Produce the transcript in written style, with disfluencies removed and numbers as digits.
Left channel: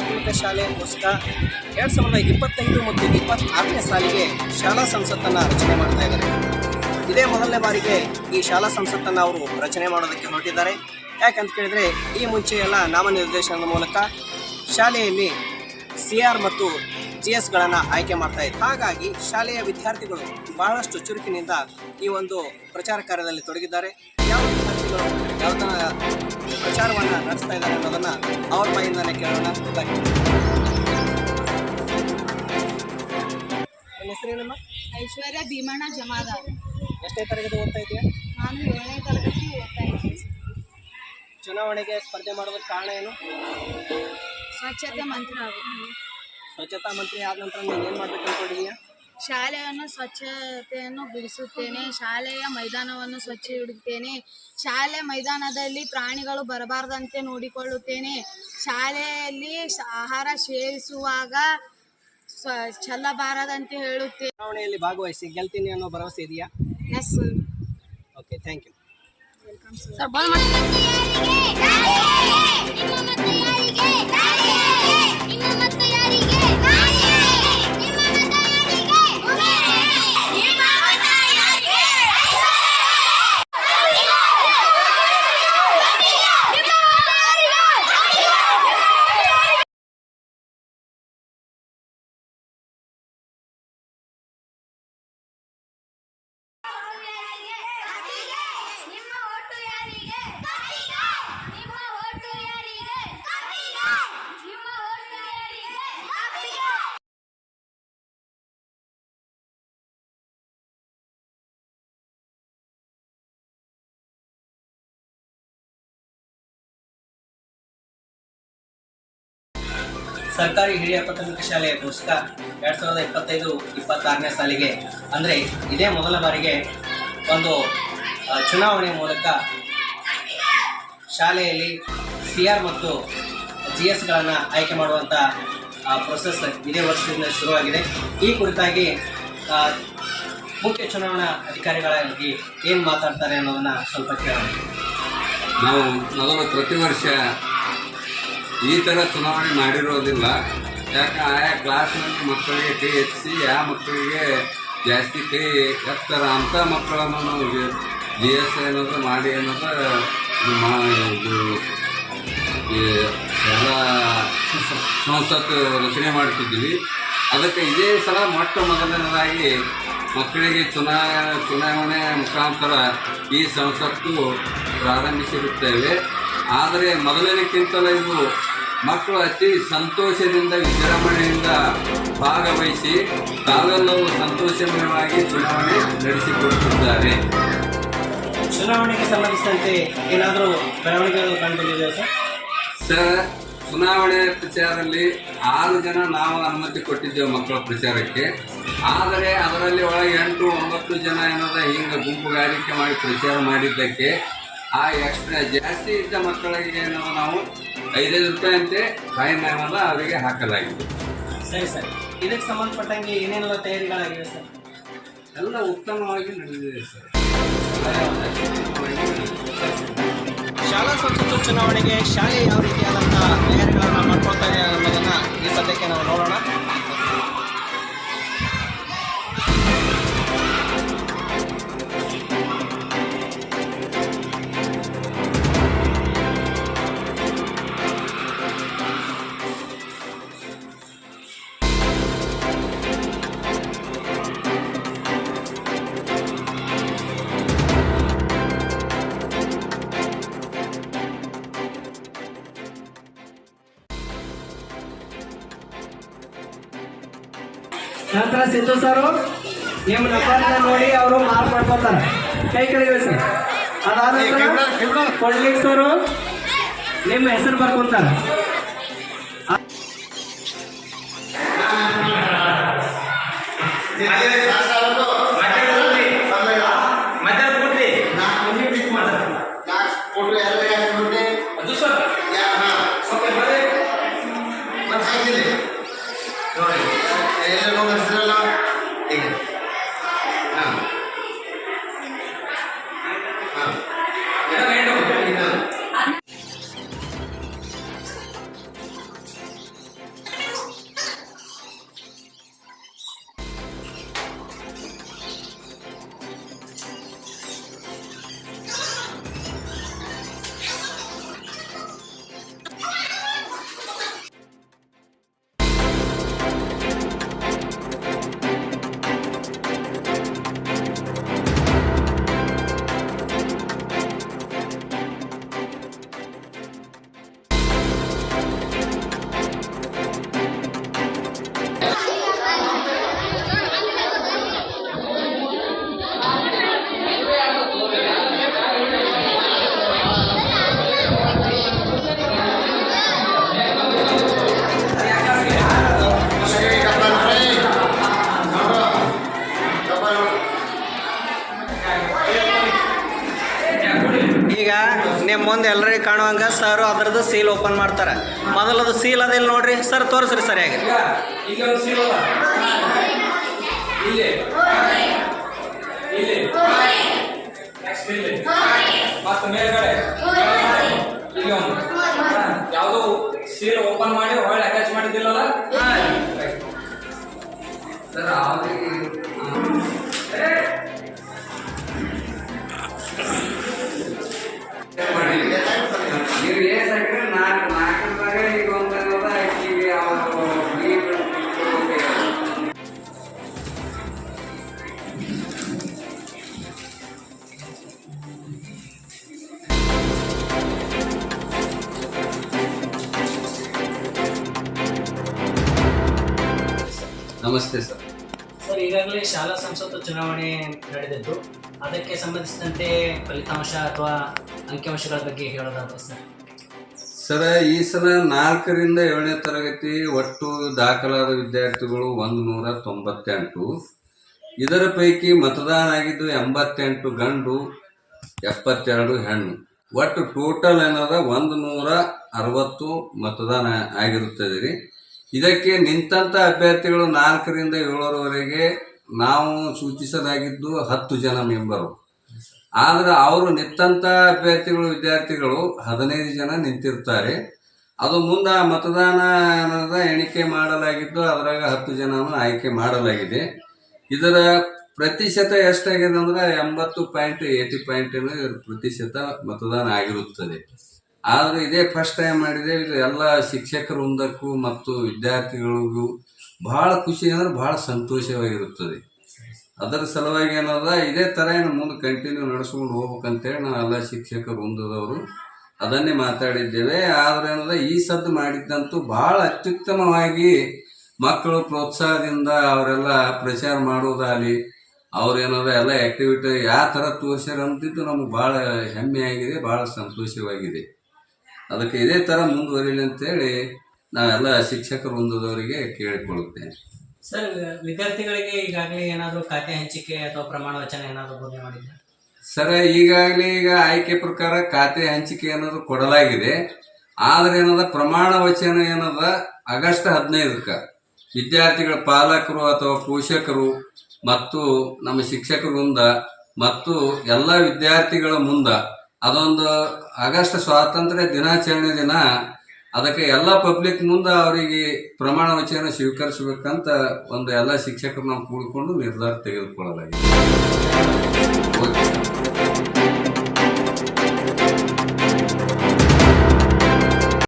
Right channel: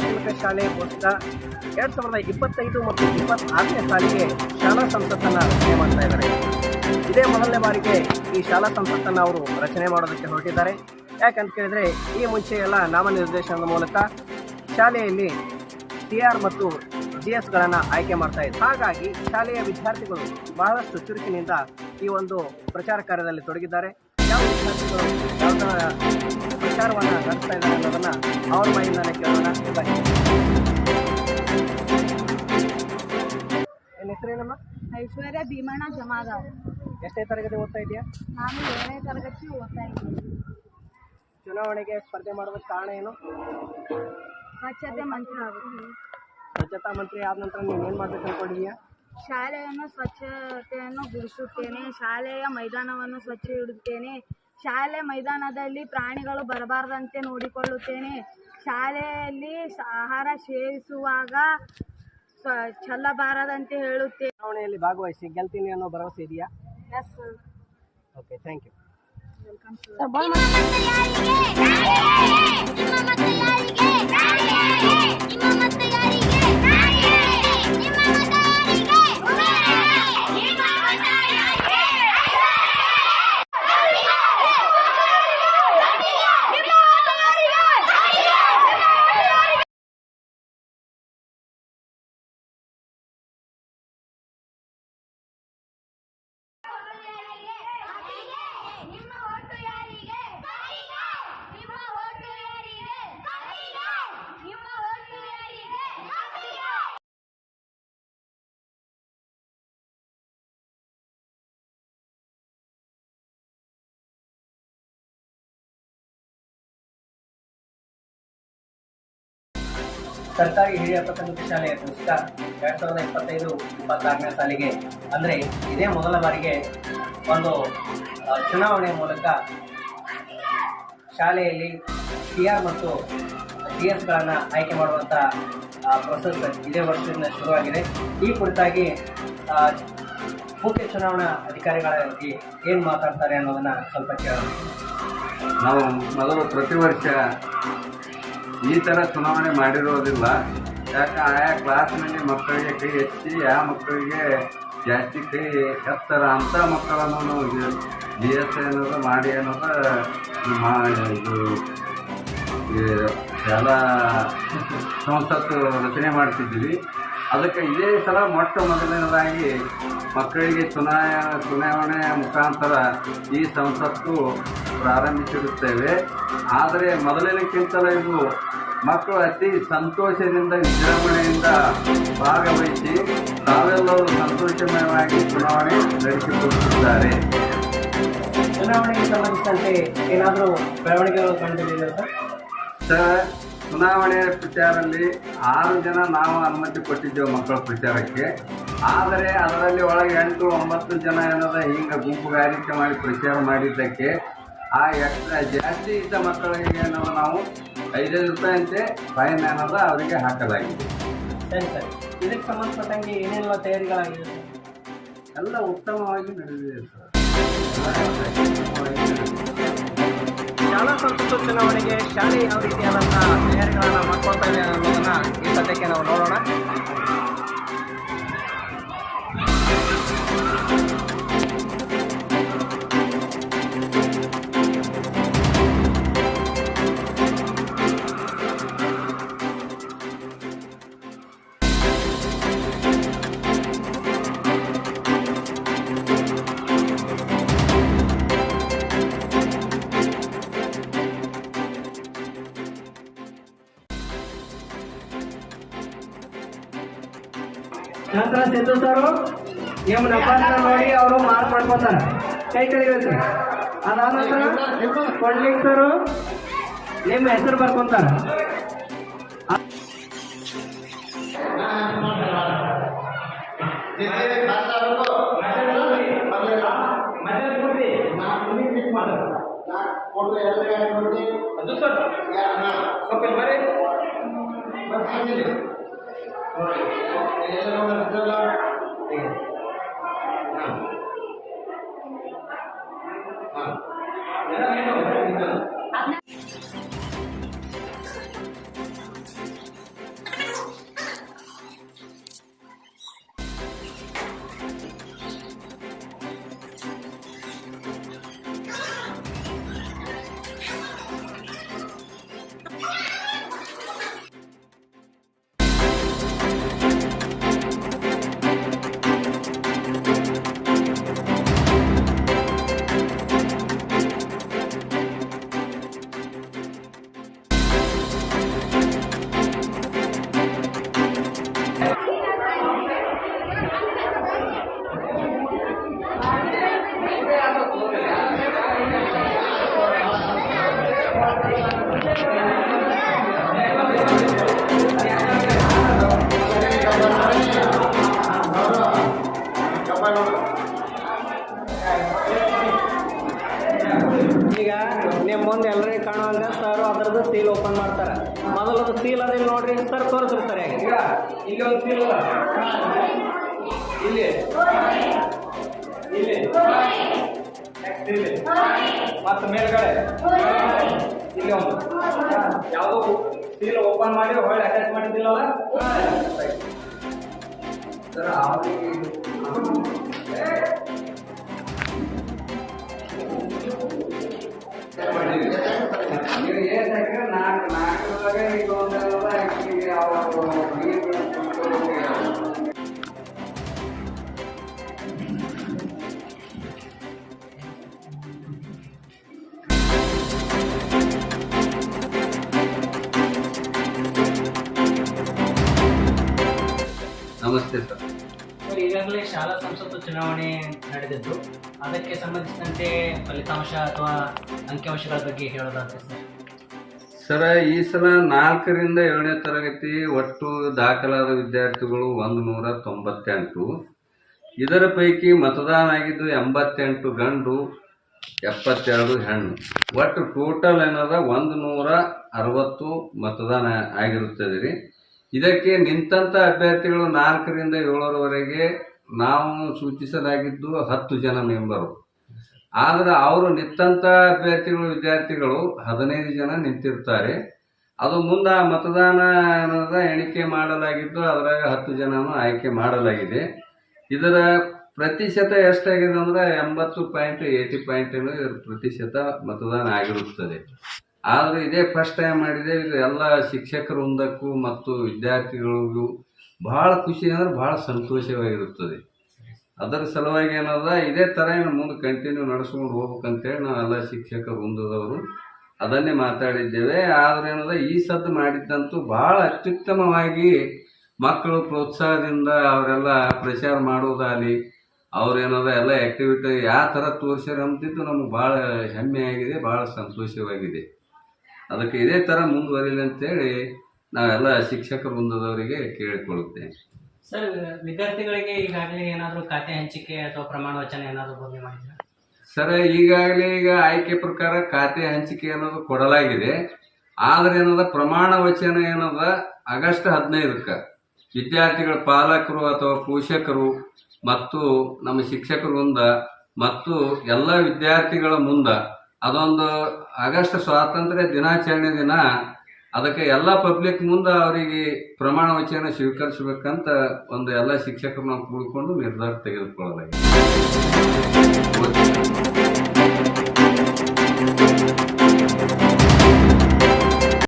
ಪ್ರಾಥಮಿಕ ಶಾಲೆ ಪುಸ್ತಕ 2025 ಮತ್ತು 26ನೇ ಸಾಲಿಗೆ ಶಾಲಾ ಸಂಸತ್ತನ್ನು ರಚನೆ ಮಾಡ್ತಾ ಇದ್ದಾರೆ. ಇದೇ ಮೊದಲನೇ ಬಾರಿಗೆ ಈ ಶಾಲಾ ಸಂಸತ್ತನ್ನು ಅವರು ರಚನೆ ಮಾಡೋದಕ್ಕೆ ಹೊರಟಿದ್ದಾರೆ. ಯಾಕಂತ ಕೇಳಿದರೆ ಈ ಮುಂಚೆ ಎಲ್ಲ ನಾಮನಿರ್ದೇಶನದ ಮೂಲಕ ಶಾಲೆಯಲ್ಲಿ CR ಮತ್ತು GSಗಳನ್ನು ಆಯ್ಕೆ ಮಾಡ್ತಾ ಇದ್ದಾರೆ. ಹಾಗಾಗಿ ಶಾಲೆಯ ವಿದ್ಯಾರ್ಥಿಗಳು ಬಹಳಷ್ಟು ಚುರುಕಿನಿಂದ ಈ ಒಂದು ಪ್ರಚಾರ ಕಾರ್ಯದಲ್ಲಿ ತೊಡಗಿದ್ದಾರೆ. ಯಾವ ವಿದ್ಯಾರ್ಥಿಗಳು ಯಾವ ಥರ ಪ್ರಚಾರವನ್ನು ನಡೆಸ್ತಾ ಇದ್ದಾರೆ ಅನ್ನೋದನ್ನು ಅವ್ರ ಬಾಯಿಂದಲೇ ಕೇಳೋಣ. ನನ್ನ ಹೆಸರೇನಮ್ಮ? ಐಶ್ವರ್ಯ ಭೀಮಣ್ಣ ಜಮಾದಾರ್. ಎಷ್ಟನೇ ತರಗತಿ ಓದ್ತಾ ಇದೆಯಾ? ನಾನು 7ನೇ ತರಗತಿ ಓದ್ತಾ ಇದ್ದೀನಿ. ಚುನಾವಣೆಗೆ ಸ್ಪರ್ಧೆ ಮಾಡೋದಕ್ಕೆ ಕಾರಣ ಏನು? ಸ್ವಚ್ಛತೆ ಮಂತ್ರಿ ಆಗುತ್ತೆ. ಸ್ವಚ್ಛತಾ ಮಂತ್ರಿ ಆದ ನಂತರ ನೀನು ಏನು ಮಾಡಬೇಕು ಅಂದ್ಕೊಂಡಿದೀಯಾ? ಶಾಲೆಯನ್ನು ಸ್ವಚ್ಛತೆಯನ್ನು ಗುಡಿಸುತ್ತೇನೆ. ಶಾಲೆಯ ಮೈದಾನವನ್ನು ಸ್ವಚ್ಛ ಇಡುತ್ತೇನೆ. ಶಾಲೆ ಮೈದಾನದಲ್ಲಿ ಪ್ರಾಣಿಗಳು ಬರಬಾರದಂತೆ ನೋಡಿಕೊಳ್ಳುತ್ತೇನೆ. ಶಾಲೆಯಲ್ಲಿ ಆಹಾರ ಸೇವಿಸುವಾಗ ಚೆಲ್ಲಬಾರದಂತೆ ಹೇಳುತ್ತೇನೆ. ಚುನಾವಣೆಯಲ್ಲಿ ಭಾಗವಹಿಸಿ ಗೆಲ್ತೀನಿ ಅನ್ನೋ ಭರವಸೆ ಇದೆಯಾ? Yes. Okay, thank you. Welcome sir. ಸರ್ಕಾರಿ ಹಿರಿಯ ಪ್ರಾಥಮಿಕ ಶಾಲೆಯ ಪುಸ್ತಕ 2025-26ನೇ ಸಾಲಿಗೆ ಅಂದರೆ ಇದೇ ಮೊದಲ ಬಾರಿಗೆ ಒಂದು ಚುನಾವಣೆ ಮೂಲಕ ಶಾಲೆಯಲ್ಲಿ CR ಮತ್ತು GSಗಳನ್ನು ಆಯ್ಕೆ ಮಾಡುವಂಥ ಪ್ರೊಸೆಸ್ ಇದೇ ವರ್ಷದಿಂದ ಶುರುವಾಗಿದೆ. ಈ ಕುರಿತಾಗಿ ಮುಖ್ಯ ಚುನಾವಣಾ ಅಧಿಕಾರಿಗಳಾಗಿ ಏನು ಮಾತಾಡ್ತಾರೆ ಅನ್ನೋದನ್ನು ಸ್ವಲ್ಪ ಕೇಳೋಣ. ನಾವು ಮೊದಲು ಪ್ರತಿ ವರ್ಷ ಈ ಥರ ಚುನಾವಣೆ ಮಾಡಿರೋದಿಲ್ಲ. ಯಾಕೆ ಆಯಾ ಕ್ಲಾಸ್ನಲ್ಲಿ ಮಕ್ಕಳಿಗೆ ಕೈ ಹೆಚ್ಚಿ ಯಾವ ಮಕ್ಕಳಿಗೆ ಜಾಸ್ತಿ ಕೈ ಎತ್ತರ ಅಂಥ ಮಕ್ಕಳನ್ನು ನಾವು GS ಅನ್ನೋದು ಮಾಡಿ ಅನ್ನೋದು ಇದು ಶಾಲಾ ಸಂಸತ್ತು ರಚನೆ ಮಾಡ್ತಿದ್ದೀವಿ. ಅದಕ್ಕೆ ಇದೇ ಸಲ ಮೊಟ್ಟ ಮೊದಲನೇದಾಗಿ ಮಕ್ಕಳಿಗೆ ಚುನಾವಣೆ ಮುಖಾಂತರ ಈ ಸಂಸತ್ತು ಪ್ರಾರಂಭಿಸಿರುತ್ತೇವೆ. ಆದರೆ ಮೊದಲನೇಕ್ಕಿಂತಲೂ ಇದು ಮಕ್ಕಳು ಅತಿ ಸಂತೋಷದಿಂದ ವಿಜೃಂಭಣೆಯಿಂದ ಭಾಗವಹಿಸಿ ತಾವೆಲ್ಲರೂ ಸಂತೋಷಮಯವಾಗಿ ಚುನಾವಣೆ ನಡೆಸಿಕೊಡುತ್ತಿದ್ದಾರೆ. ಚುನಾವಣೆಗೆ ಸಂಬಂಧಿಸಿದಂತೆ ಏನಾದರೂ ಬೆಳವಣಿಗೆಗಳು ಕಂಡುಬಂದಿದೆಯಾ ಸರ್? ಚುನಾವಣೆ ಪ್ರಚಾರದಲ್ಲಿ 6 ಜನ ನಾವು ಅನುಮತಿ ಕೊಟ್ಟಿದ್ದೇವೆ ಮಕ್ಕಳ ಪ್ರಚಾರಕ್ಕೆ. ಆದರೆ ಅದರಲ್ಲಿ ಒಳಗೆ 8-9 ಜನ ಏನದ ಹಿಂಗೆ ಗುಂಪುಗಾರಿಕೆ ಮಾಡಿ ಪ್ರಚಾರ ಮಾಡಿದ್ದಕ್ಕೆ ಆ ಎಕ್ಸ್ಟ್ರಾ ಜಾಸ್ತಿ ಇದ್ದ ಮಕ್ಕಳಿಗೆ ಏನೋ ನಾವು 5,000 ರೂಪಾಯಿ ಅಂತೆ ಫೈನ್ ಅನ್ನೋದು ಅವರಿಗೆ ಹಾಕಲಾಗಿದೆ. ಸರಿ ಸರ್, ಇದಕ್ಕೆ ಸಂಬಂಧಪಟ್ಟಂಗೆ ಏನೆಲ್ಲ ತಯಾರಿಗಳಾಗಿವೆ ಸರ್? ಎಲ್ಲ ಉತ್ತಮವಾಗಿ ನಡೆದಿದೆ ಸರ್. ಶಾಲಾ ಸಂಸತ್ತು ಚುನಾವಣೆಗೆ ಶಾಲೆ ಯಾವ ರೀತಿಯಾದಂಥ ತಯಾರಿಗಳನ್ನು ಮಾಡ್ಕೊಳ್ತಾ ಇದೆ ಅನ್ನೋದನ್ನು ಈ ಸದ್ಯಕ್ಕೆ ನಾವು ನೋಡೋಣ. ನಂತರ ಸಿದ್ದು ಸರ್ ನಿಮ್ಮ ನಂಬರ್ನ ನೋಡಿ ಅವರು ಮಾರ್ಕ್ ಮಾಡ್ಕೊತಾರೆ. ಕೈ ಕಳಿಸಿ. ಅದಾದ ಕೊಡ್ಲಿಕ್ಕೆ ಸರ್ ನಿಮ್ಮ ಹೆಸರು ಬರ್ಕೊಂತಾರೆ. ಮುಂದೆ ಎಲ್ಲರಿಗೂ ಕಾಣುವಂಗ ಸರ್ ಅದರದ್ದು ಸೀಲ್ ಓಪನ್ ಮಾಡ್ತಾರೆ. ಮೊದಲದು ಸೀಲ್ ಅದಿಲ್ಲ ನೋಡ್ರಿ ಸರ್, ತೋರಿಸ್ರಿ ಸರಿಯಾಗಿ. ಇಲ್ಲಿ ಒಂದು ಸೀಲ್ ಅದ, ಇಲ್ಲಿ ಇಲ್ಲಿ ನೆಕ್ಸ್ಟ್ ಇಲ್ಲಿ ಮತ್ತೆ ಮೇಲ್ಗಡೆ ಇಲ್ಲಿ ಒಂದು ಯಾವುದೋ ಸೀಲ್ ಓಪನ್ ಮಾಡಿ ಹೊಳ್ಳಿ ಅಟ್ಯಾಚ್ ಮಾಡಿದ್ದಿಲ್ಲಲ್ಲ ಸರ್ ಅವ್ರಿಗೆ ನೀವು ಏಸ್ ಹಾಕಿದ್ರೆ ನಾಲ್ಕರದಾಗ ಈಗ ಒಂದು ಈಗ ಅವರು ನಮಸ್ತೆ ಸರ್. ಸರ್, ಈಗಾಗಲೇ ಶಾಲಾ ಸಂಸತ್ತು ಚುನಾವಣೆ ನಡೆದಿದ್ದು, ಅದಕ್ಕೆ ಸಂಬಂಧಿಸಿದಂತೆ ಫಲಿತಾಂಶ ಅಥವಾ ಅಂಕಿಅಂಶಗಳ ಬಗ್ಗೆ ಹೇಳೋದಾದ್ರೆ ಸರ್, ಈ ಸಲ 4ರಿಂದ 7ನೇ ತರಗತಿ ಒಟ್ಟು ದಾಖಲಾದ ವಿದ್ಯಾರ್ಥಿಗಳು 198. ಇದರ ಪೈಕಿ ಮತದಾನ ಆಗಿದ್ದು 88 ಗಂಡು 72 ಹೆಣ್ಣು. ಒಟ್ಟು ಟೋಟಲ್ ಏನದ 160 ಮತದಾನ ಆಗಿರುತ್ತದೆ ರೀ. ಇದಕ್ಕೆ ನಿಂತಂಥ ಅಭ್ಯರ್ಥಿಗಳು 4ರಿಂದ 7ರವರೆಗೆ ನಾವು ಸೂಚಿಸಲಾಗಿದ್ದು 10 ಜನ ಮೆಂಬರು. ಆದರೆ ಅವರು ನಿಂತಂಥ ಅಭ್ಯರ್ಥಿಗಳು ವಿದ್ಯಾರ್ಥಿಗಳು 15 ಜನ ನಿಂತಿರ್ತಾರೆ. ಅದು ಮುಂದೆ ಮತದಾನ ಅನ್ನೋದ ಎಣಿಕೆ ಮಾಡಲಾಗಿದ್ದು ಅದರಾಗ 10 ಜನನೂ ಆಯ್ಕೆ ಮಾಡಲಾಗಿದೆ. ಇದರ ಪ್ರತಿಶತ ಎಷ್ಟಾಗಿದೆ ಅಂದ್ರೆ 80.80 ಇದರ ಪ್ರತಿಶತ ಮತದಾನ ಆಗಿರುತ್ತದೆ. ಆದರೆ ಇದೇ ಫಸ್ಟ್ ಟೈಮ್ ಮಾಡಿದೆ. ಇದು ಎಲ್ಲ ಶಿಕ್ಷಕರ ವೃಂದಕ್ಕೂ ಮತ್ತು ವಿದ್ಯಾರ್ಥಿಗಳಿಗೂ ಭಾಳ ಖುಷಿ ಅಂದರೆ ಭಾಳ ಸಂತೋಷವಾಗಿರುತ್ತದೆ. ಅದರ ಸಲುವಾಗಿ ಏನದ ಇದೇ ಥರ ಏನು ಮುಂದೆ ಕಂಟಿನ್ಯೂ ನಡೆಸ್ಕೊಂಡು ಹೋಗ್ಬೇಕಂತೇಳಿ ನಾವು ಎಲ್ಲ ಶಿಕ್ಷಕರು ವೃಂದದವರು ಅದನ್ನೇ ಮಾತಾಡಿದ್ದೇವೆ. ಆದರೆ ಏನದ ಈ ಸದ್ದು ಮಾಡಿದ್ದಂತೂ ಭಾಳ ಅತ್ಯುತ್ತಮವಾಗಿ ಮಕ್ಕಳು ಪ್ರೋತ್ಸಾಹದಿಂದ ಅವರೆಲ್ಲ ಪ್ರಚಾರ ಮಾಡೋದಾಗಲಿ ಅವ್ರೇನದ ಎಲ್ಲ ಆ್ಯಕ್ಟಿವಿಟಿ ಯಾವ ಥರ ತೋರಿಸ್ಯಾರ ಅಂತಿದ್ದು ನಮ್ಗೆ ಭಾಳ ಹೆಮ್ಮೆಯಾಗಿದೆ, ಭಾಳ ಸಂತೋಷವಾಗಿದೆ. ಅದಕ್ಕೆ ಇದೇ ಥರ ಮುಂದುವರಿಲಿ ಅಂತೇಳಿ ನಾವೆಲ್ಲ ಶಿಕ್ಷಕರು ವೃಂದದವರಿಗೆ ಕೇಳಿಕೊಳ್ಳುತ್ತೇನೆ. ಸರ್, ವಿದ್ಯಾರ್ಥಿಗಳಿಗೆ ಈಗಾಗಲೇ ಏನಾದರೂ ಖಾತೆ ಹಂಚಿಕೆ ಅಥವಾ ಪ್ರಮಾಣ ವಚನ ಏನಾದರೂ ಬೋಧನೆ ಮಾಡಿದ್ರೆ? ಸರ್, ಈಗಾಗಲೇ ಈಗ ಆಯ್ಕೆ ಪ್ರಕಾರ ಖಾತೆ ಹಂಚಿಕೆ ಅನ್ನೋದು ಕೊಡಲಾಗಿದೆ. ಆದರೆ ಏನದ ಪ್ರಮಾಣ ವಚನ ಏನದ ಆಗಸ್ಟ್ 15ಕ್ಕೆ ವಿದ್ಯಾರ್ಥಿಗಳ ಪಾಲಕರು ಅಥವಾ ಪೋಷಕರು ಮತ್ತು ನಮ್ಮ ಶಿಕ್ಷಕರ ವೃಂದ ಮತ್ತು ಎಲ್ಲ ವಿದ್ಯಾರ್ಥಿಗಳ ಮುಂದೆ ಅದೊಂದು ಆಗಸ್ಟ್ ಸ್ವಾತಂತ್ರ್ಯ ದಿನಾಚರಣೆ ದಿನ ಅದಕ್ಕೆ ಎಲ್ಲ ಪಬ್ಲಿಕ್ ಮುಂದೆ ಅವರಿಗೆ ಪ್ರಮಾಣ ವಚನ ಸ್ವೀಕರಿಸಬೇಕಂತ ಒಂದು ಎಲ್ಲ ಶಿಕ್ಷಕರು ನಾವು ಕೂಡಿಕೊಂಡು ನಿರ್ಧಾರ ತೆಗೆದುಕೊಳ್ಳಲಾಗಿದೆ. ಓಕೆ.